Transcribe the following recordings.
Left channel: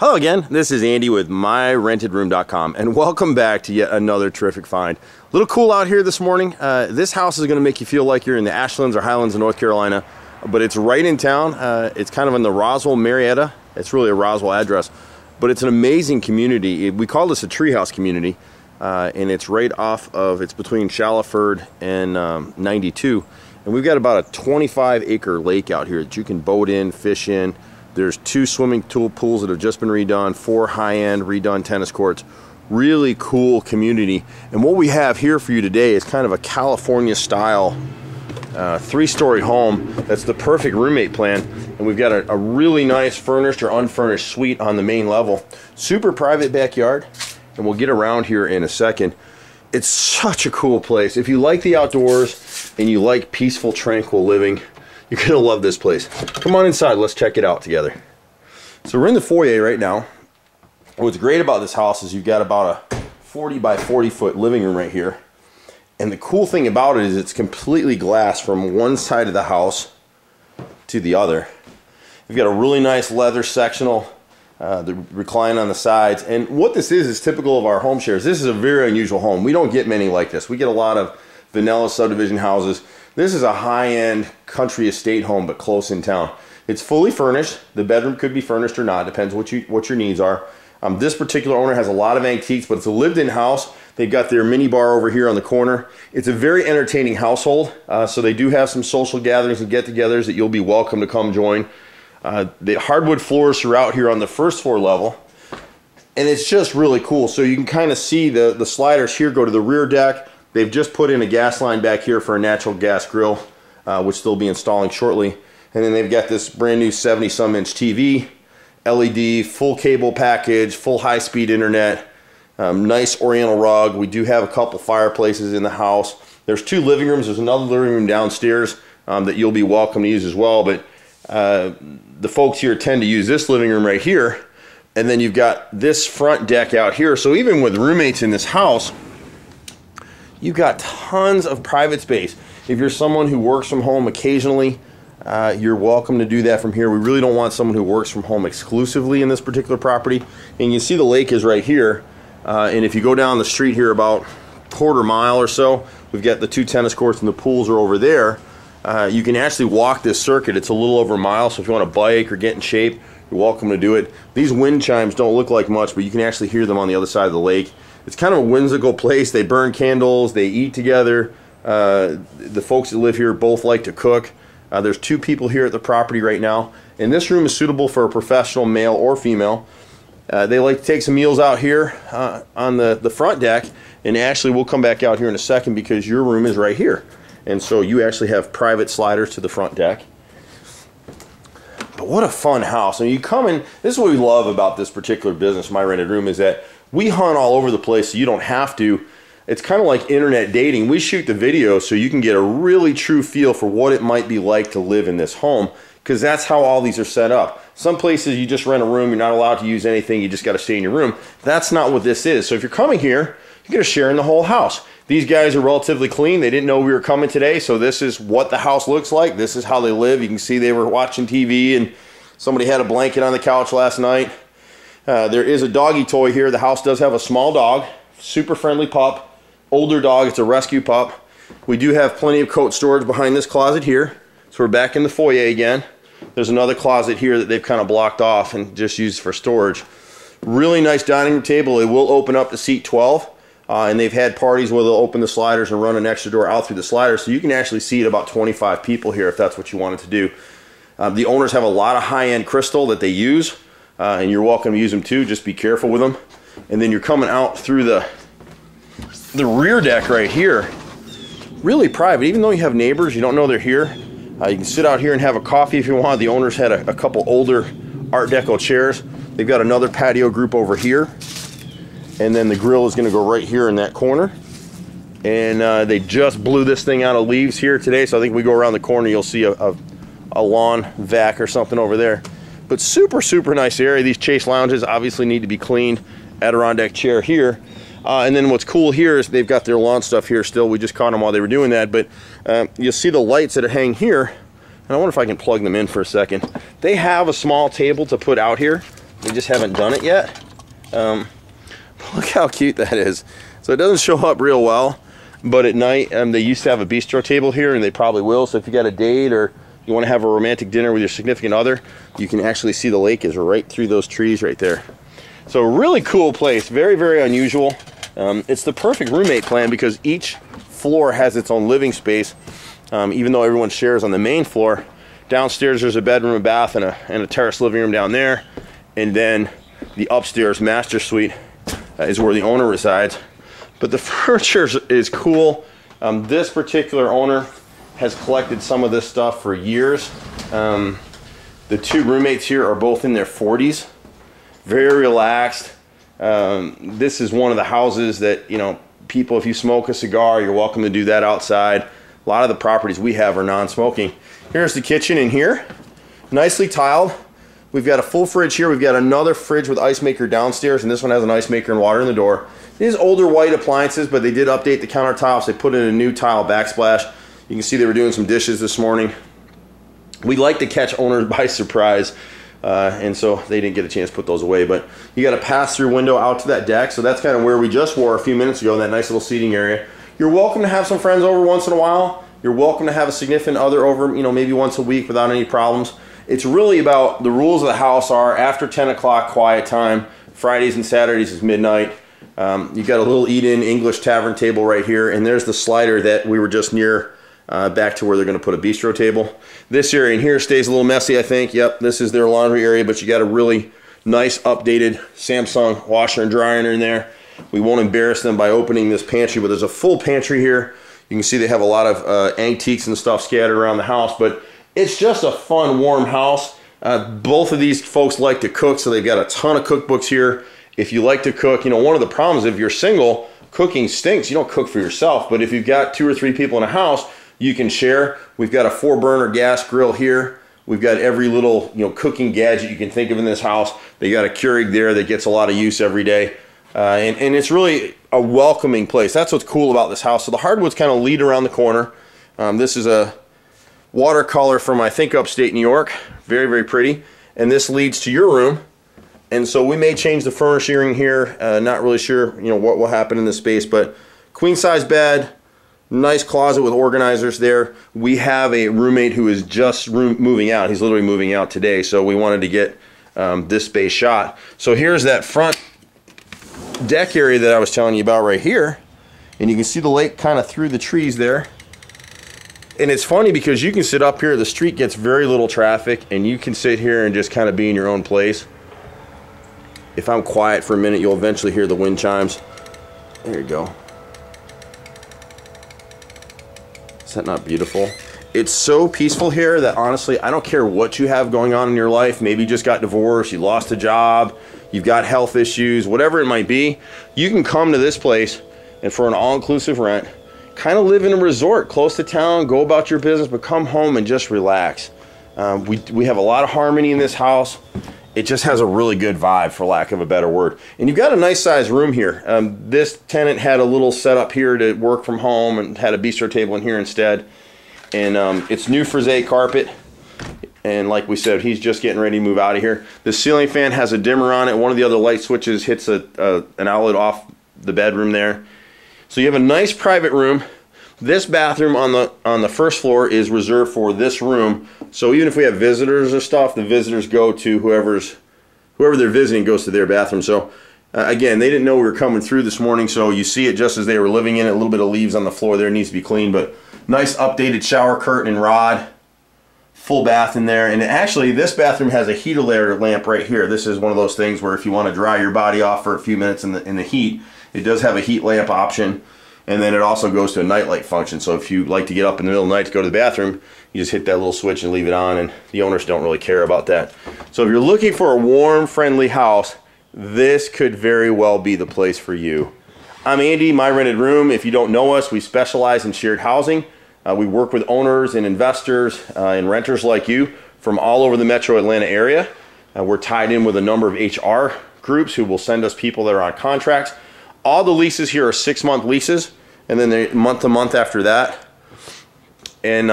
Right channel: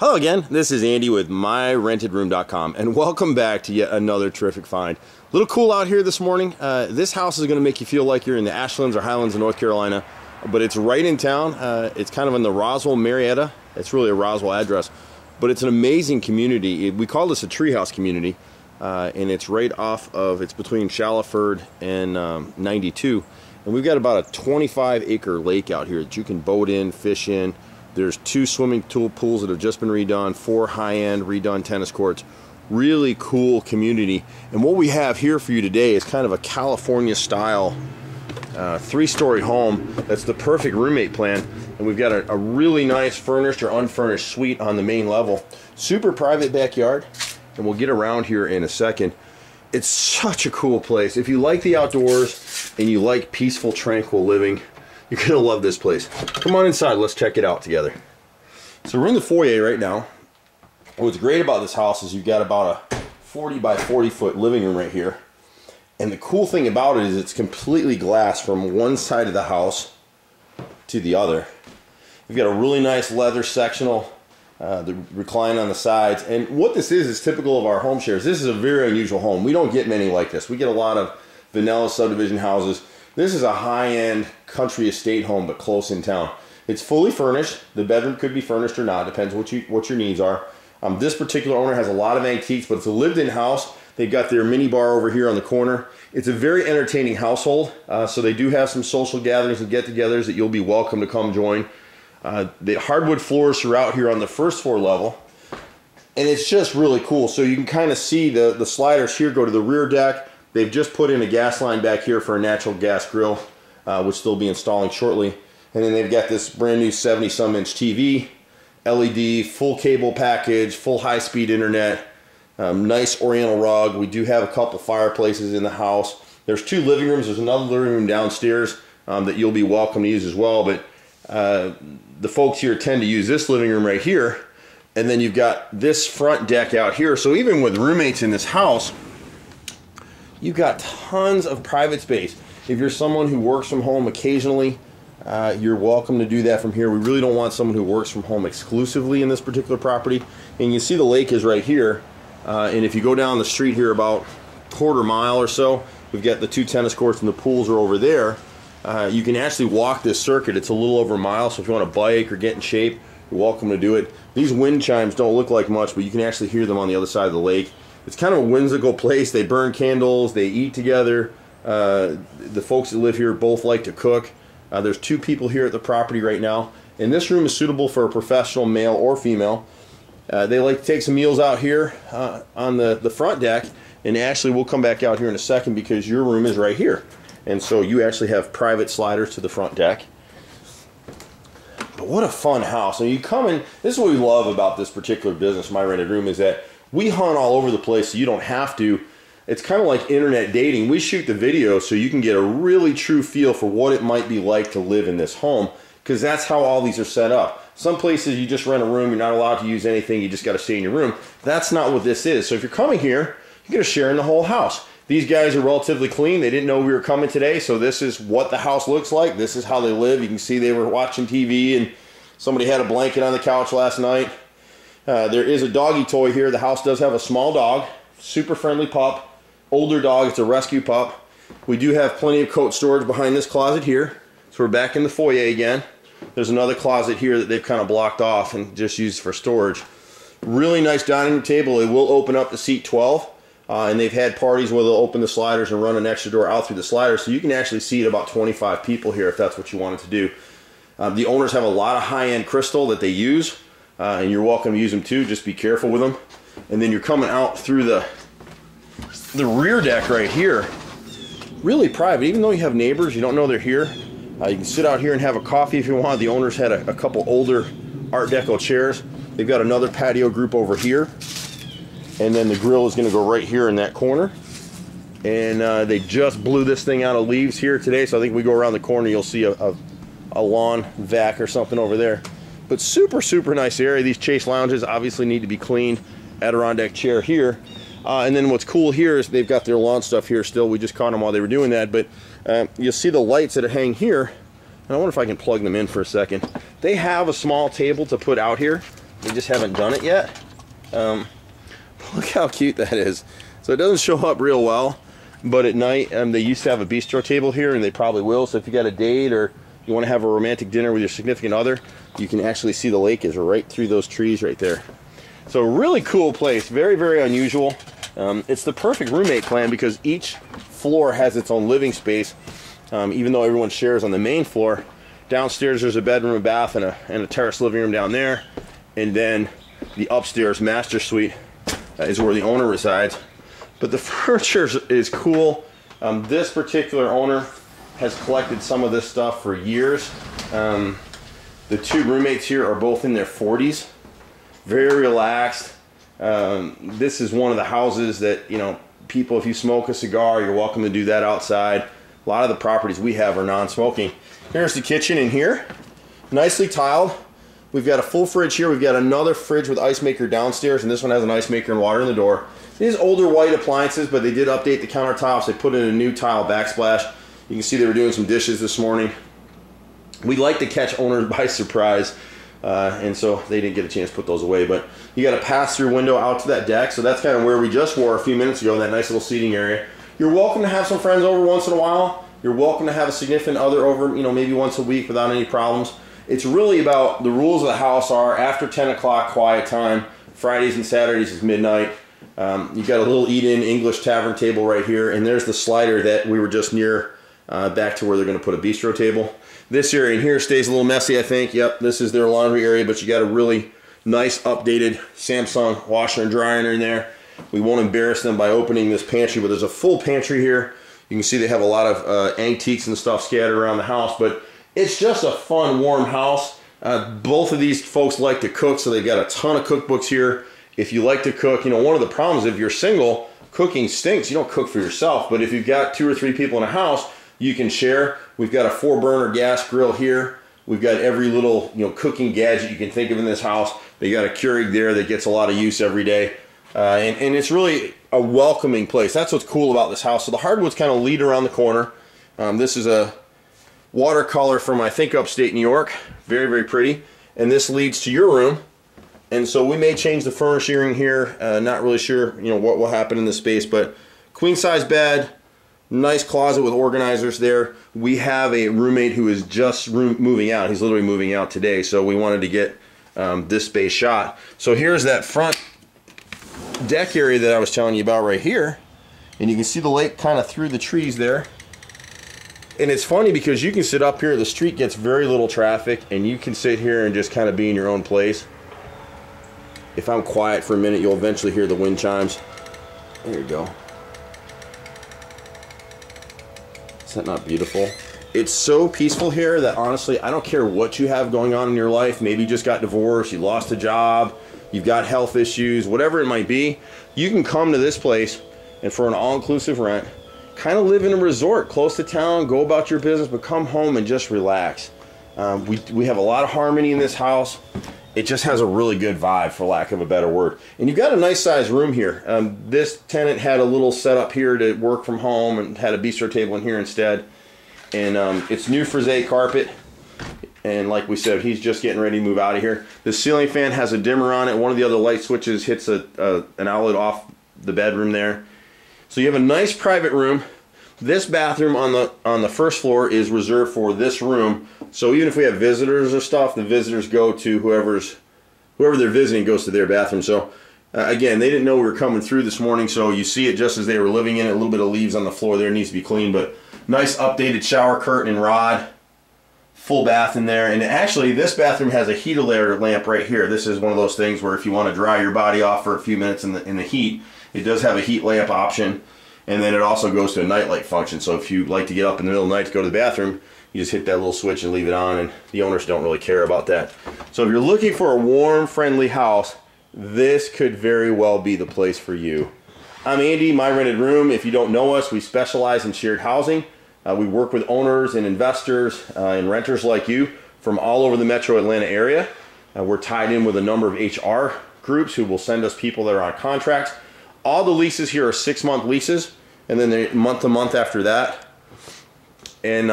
Hello again, this is Andy with MyRENTEDroom.com, and welcome back to yet another terrific find. A little cool out here this morning. This house is going to make you feel like you're in the Ashlands or Highlands of North Carolina, but it's right in town. It's kind of in the Roswell, Marietta. It's really a Roswell address, but it's an amazing community. We call this a treehouse community, and it's right off of, it's between Shallowford and 92, and we've got about a 25-acre lake out here that you can boat in, fish in. There's 2 swimming pools that have just been redone, 4 high-end redone tennis courts. Really cool community. And what we have here for you today is kind of a California-style 3-story home that's the perfect roommate plan. And we've got a really nice furnished or unfurnished suite on the main level. Super private backyard, and we'll get around here in a second. It's such a cool place. If you like the outdoors and you like peaceful, tranquil living, you're gonna love this place. Come on inside, let's check it out together. So we're in the foyer right now. What's great about this house is you've got about a 40 by 40 foot living room right here. And the cool thing about it is it's completely glass from one side of the house to the other. You've got a really nice leather sectional, the recline on the sides. And what this is typical of our home shares. This is a very unusual home. We don't get many like this. We get a lot of vanilla subdivision houses. This is a high-end country estate home, but close in town. It's fully furnished. The bedroom could be furnished or not, depends what your needs are. This particular owner has a lot of antiques, but it's a lived-in house. They've got their mini bar over here on the corner. It's a very entertaining household, so they do have some social gatherings and get-togethers that you'll be welcome to come join. The hardwood floors throughout here on the first floor level, and it's just really cool. So you can kind of see the sliders here go to the rear deck. They've just put in a gas line back here for a natural gas grill, which they'll be installing shortly. And then they've got this brand new 70-some inch TV, LED, full cable package, full high-speed internet, nice oriental rug. We do have a couple fireplaces in the house. There's 2 living rooms. There's another living room downstairs that you'll be welcome to use as well. But the folks here tend to use this living room right here. And then you've got this front deck out here. So even with roommates in this house, you've got tons of private space. If you're someone who works from home occasionally, you're welcome to do that from here. We really don't want someone who works from home exclusively in this particular property. And you see the lake is right here. And if you go down the street here about a quarter mile or so, we've got the 2 tennis courts and the pools are over there. You can actually walk this circuit. It's a little over a mile, so if you want to bike or get in shape, you're welcome to do it. These wind chimes don't look like much, but you can actually hear them on the other side of the lake. It's kind of a whimsical place. They burn candles, they eat together. The folks that live here both like to cook. There's 2 people here at the property right now, and this room is suitable for a professional male or female. They like to take some meals out here on the front deck, and actually we'll come back out here in a second because your room is right here. And so you actually have private sliders to the front deck. But what a fun house. And you come in, this is what we love about this particular business, My Rented Room, is that we hunt all over the place so you don't have to. It's kind of like internet dating. We shoot the video so you can get a really true feel for what it might be like to live in this home, because that's how all these are set up. Some places you just rent a room, you're not allowed to use anything, you just got to stay in your room. That's not what this is. So if you're coming here, you're going to share in the whole house. These guys are relatively clean. They didn't know we were coming today, so this is what the house looks like. This is how they live. You can see they were watching TV, and somebody had a blanket on the couch last night. There is a doggy toy here. The house does have a small dog, super friendly pup, older dog. It's a rescue pup. We do have plenty of coat storage behind this closet here. So we're back in the foyer again. There's another closet here that they've kind of blocked off and just used for storage. Really nice dining room table. It will open up to seat 12. And they've had parties where they'll open the sliders and run an extra door out through the sliders. So you can actually seat about 25 people here if that's what you wanted to do. The owners have a lot of high-end crystal that they use. And you're welcome to use them too. Just be careful with them. And then you're coming out through the rear deck right here. Really private. Even though you have neighbors, you don't know they're here. You can sit out here and have a coffee if you want. The owners had a couple older Art Deco chairs. They've got another patio group over here. And then the grill is going to go right here in that corner. And they just blew this thing out of leaves here today. So I think we go around the corner, you'll see a lawn vac or something over there. But super, super nice area. These Chase lounges obviously need to be cleaned. Adirondack chair here. And then what's cool here is they've got their lawn stuff here still. We just caught them while they were doing that. But you'll see the lights that hang here. And I wonder if I can plug them in for a second. They have a small table to put out here They just haven't done it yet. Look how cute that is. So it doesn't show up real well, but at night they used to have a bistro table here, and they probably will. So if you got a date or you want to have a romantic dinner with your significant other, you can actually see the lake is right through those trees right there. So really cool place, very, very unusual. It's the perfect roommate plan because each floor has its own living space, even though everyone shares on the main floor. Downstairs there's a bedroom, a bath, and a terrace living room down there, and then the upstairs master suite is where the owner resides. But the furniture is cool. This particular owner has collected some of this stuff for years. The two roommates here are both in their 40s, very relaxed. This is one of the houses that, you know, people, if you smoke a cigar, you're welcome to do that outside. A lot of the properties we have are non-smoking. Here's the kitchen in here, nicely tiled. We've got a full fridge here. We've got another fridge with ice maker downstairs, and this one has an ice maker and water in the door. These older white appliances, but they did update the countertops. They put in a new tile backsplash. You can see they were doing some dishes this morning. We like to catch owners by surprise, and so they didn't get a chance to put those away. But you got a pass-through window out to that deck, so that's kind of where we just were a few minutes ago in that nice little seating area. You're welcome to have some friends over once in a while. You're welcome to have a significant other over, you know, maybe once a week without any problems. It's really about the rules of the house are after 10 o'clock quiet time. Fridays and Saturdays is midnight. You've got a little eat-in English tavern table right here, and there's the slider that we were just near back to where they're going to put a bistro table. This area in here stays a little messy, I think. Yep, this is their laundry area, but you got a really nice updated Samsung washer and dryer in there. We won't embarrass them by opening this pantry, but there's a full pantry here. You can see they have a lot of antiques and stuff scattered around the house, but it's just a fun, warm house. Both of these folks like to cook, so they've got a ton of cookbooks here. If you like to cook, you know, one of the problems if you're single, cooking stinks. You don't cook for yourself, but if you've got 2 or 3 people in a house, you can share. We've got a 4-burner gas grill here. We've got every little, you know, cooking gadget you can think of in this house. They got a Keurig there that gets a lot of use every day. And it's really a welcoming place. That's what's cool about this house. So the hardwoods kind of lead around the corner. This is a watercolor from, I think, upstate New York. Very, very pretty. And this leads to your room. And so we may change the furnishing here. Not really sure, you know, what will happen in this space, but queen size bed, nice closet with organizers there. We have a roommate who is just moving out. He's literally moving out today, so we wanted to get this space shot. So here's that front deck area that I was telling you about right here, and you can see the lake kind of through the trees there. And it's funny because you can sit up here, the street gets very little traffic, and you can sit here and just kind of be in your own place. If I'm quiet for a minute, you'll eventually hear the wind chimes. There you go. Is that not beautiful? It's so peaceful here that honestly, I don't care what you have going on in your life. Maybe you just got divorced, you lost a job, you've got health issues, whatever it might be. You can come to this place and for an all-inclusive rent, kind of live in a resort close to town, go about your business, but come home and just relax. We have a lot of harmony in this house. It just has a really good vibe, for lack of a better word. And you've got a nice sized room here. This tenant had a little setup here to work from home and had a bistro table in here instead. And it's new frisé carpet. And like we said, he's just getting ready to move out of here. The ceiling fan has a dimmer on it. One of the other light switches hits an outlet off the bedroom there. So you have a nice private room. This bathroom on the first floor is reserved for this room. So even if we have visitors or stuff, the visitors go to whoever they're visiting goes to their bathroom. So again, they didn't know we were coming through this morning, so you see it just as they were living in it. A little bit of leaves on the floor there, needs to be cleaned, but nice updated shower curtain and rod. Full bath in there. And actually, this bathroom has a heater lamp right here. This is one of those things where if you want to dry your body off for a few minutes in the heat, it does have a heat lamp option. And then it also goes to a nightlight function. So if you like to get up in the middle of the night to go to the bathroom, you just hit that little switch and leave it on, and the owners don't really care about that. So if you're looking for a warm, friendly house, this could very well be the place for you. I'm Andy, My Rented Room. If you don't know us, we specialize in shared housing. We work with owners and investors and renters like you from all over the metro Atlanta area. We're tied in with a number of HR groups who will send us people that are on contracts. All the leases here are 6-month leases, and then they're month to month after that. And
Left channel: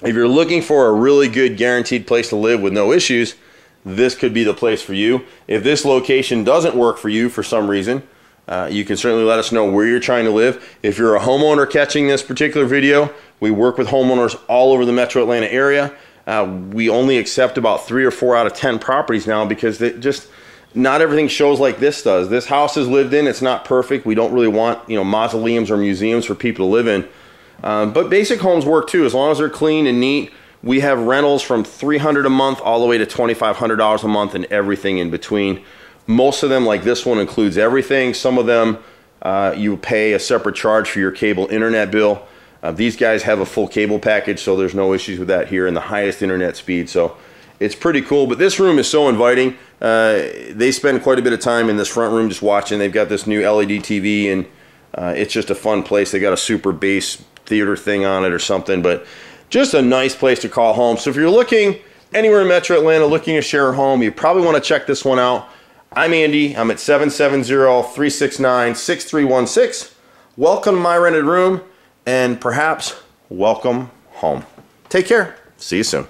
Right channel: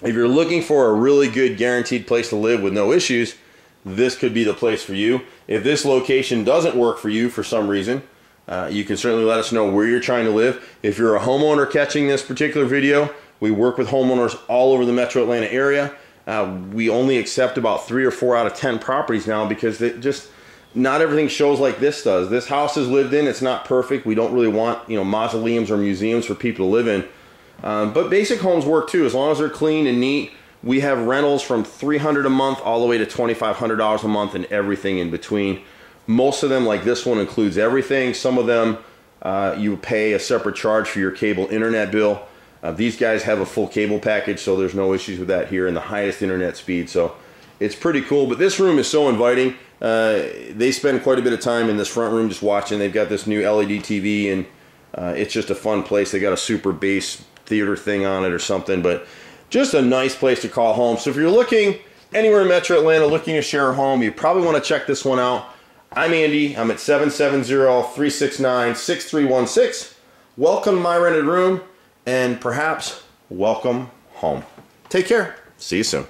if you're looking for a really good guaranteed place to live with no issues, this could be the place for you. If this location doesn't work for you for some reason, you can certainly let us know where you're trying to live. If you're a homeowner catching this particular video, we work with homeowners all over the metro Atlanta area. We only accept about 3 or 4 out of 10 properties now because not everything shows like this does. This house is lived in. It's not perfect. We don't really want, mausoleums or museums for people to live in. But basic homes work too, as long as they're clean and neat. We have rentals from $300 a month all the way to $2,500 a month and everything in between. Most of them, like this one, includes everything. Some of them you pay a separate charge for your cable internet bill. These guys have a full cable package, so there's no issues with that here, and the highest internet speed. So it's pretty cool. But this room is so inviting. They spend quite a bit of time in this front room just watching. They've got this new LED TV, and it's just a fun place. They got a super bass theater thing on it or something, but just a nice place to call home. So if you're looking anywhere in Metro Atlanta, looking to share a home, you probably want to check this one out. I'm Andy. I'm at 770-369-6316. Welcome to My Rented Room, and perhaps welcome home. Take care. See you soon.